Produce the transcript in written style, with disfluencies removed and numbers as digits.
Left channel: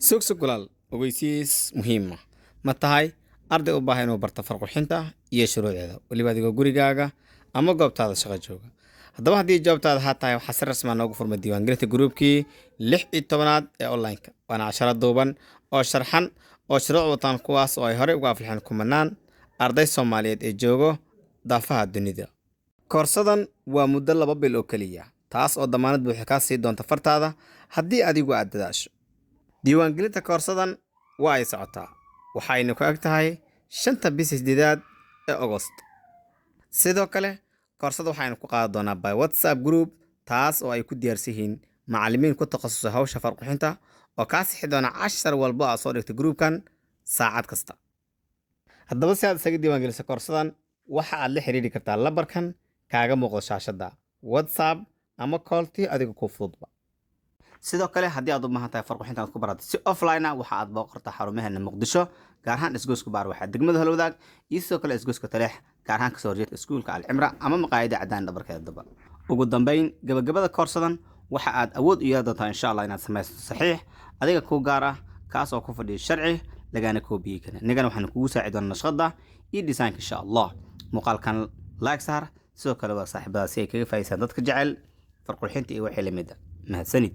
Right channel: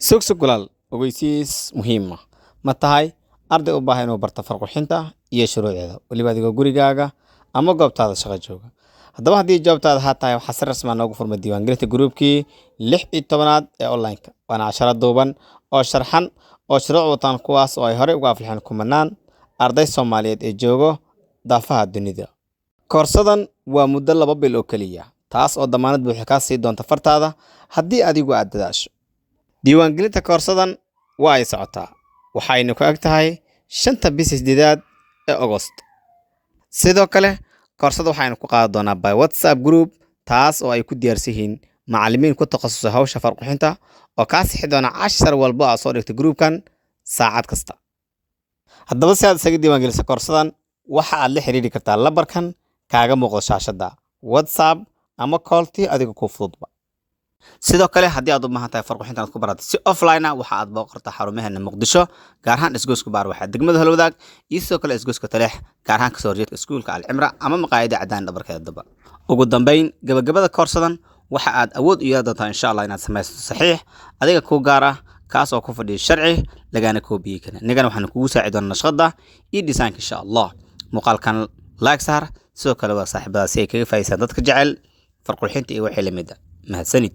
Sugsug walaal ogeysiis muhiim ah ma tahay arday u baahan inuu barto farqixinta iyo shuruucdeeda waliba adigoo gurigaaga ama goobtaada shaqo jooga. Haddaba haddii jawaabtaada haa tahay waxaa si rasmi ah noogu furmay diiwaangelinta gruubkii 16aad ee online-ka waana casharo duuban oo sharxan oo shuruuc wataan kuwaas oo ay horey uga aflaxeen kumanaan arday Soomaaliyeed ee joogo daafaha dunida. Koorsadan waa muddo 2 bil oo kaliya taas oo damaanad buuxa ka sii doonta fartaada haddii adigu aad dadaasho. Diiwaangelinta koorsadan waa ay socotaa waxayna ku eg tahay 5 bisha 8 ee August. Sidoo kale koorsada waxaynu ku qaadan doonaa by WhatsApp group taas oo ay ku diyaarsan yihiin macallimiin ku takhasusay hawsha farqixinta oo ka sixi doona cashar walba oo soo dhigtay groupkan saacad kasta. Haddaba si aad isaga diiwaangeliso koorsadan waxa aad la xiriiri kartaa lambarkan kaaga muuqda shaashada WhatsApp ama calltii adiga ku fududba. Sidoo kale haddii aad u baahan tahay farqixinta aad ku barato si offline ah waxa aad booqataa xarumaheena Muqdisho gaar ahaan isgoyska baar waxa degmada Halwadaag iyo sidoo kale isgoyska Taleex gaar ahaan ka soo horjeedka iskuulka Al-Cimra ama maqaayada cadaan dhabarkeeda daba. Ugu dambeyn gabagabada koorsadan waxa aad awood u yeelan doontaa insha Allah inaad samayso saxiix adiga ku gaar ah kaas oo ku fadhiyo sharci lagana koobiye kana nigana waxaan kugu saacido doonaa nashqada iyo design insha Allah muuqaalkan like sar sidoo kale waa saaxiibada si ay kaga faa'iideystaan dadka jecel farqixinta iyo wixii la mid ah mahadsanid.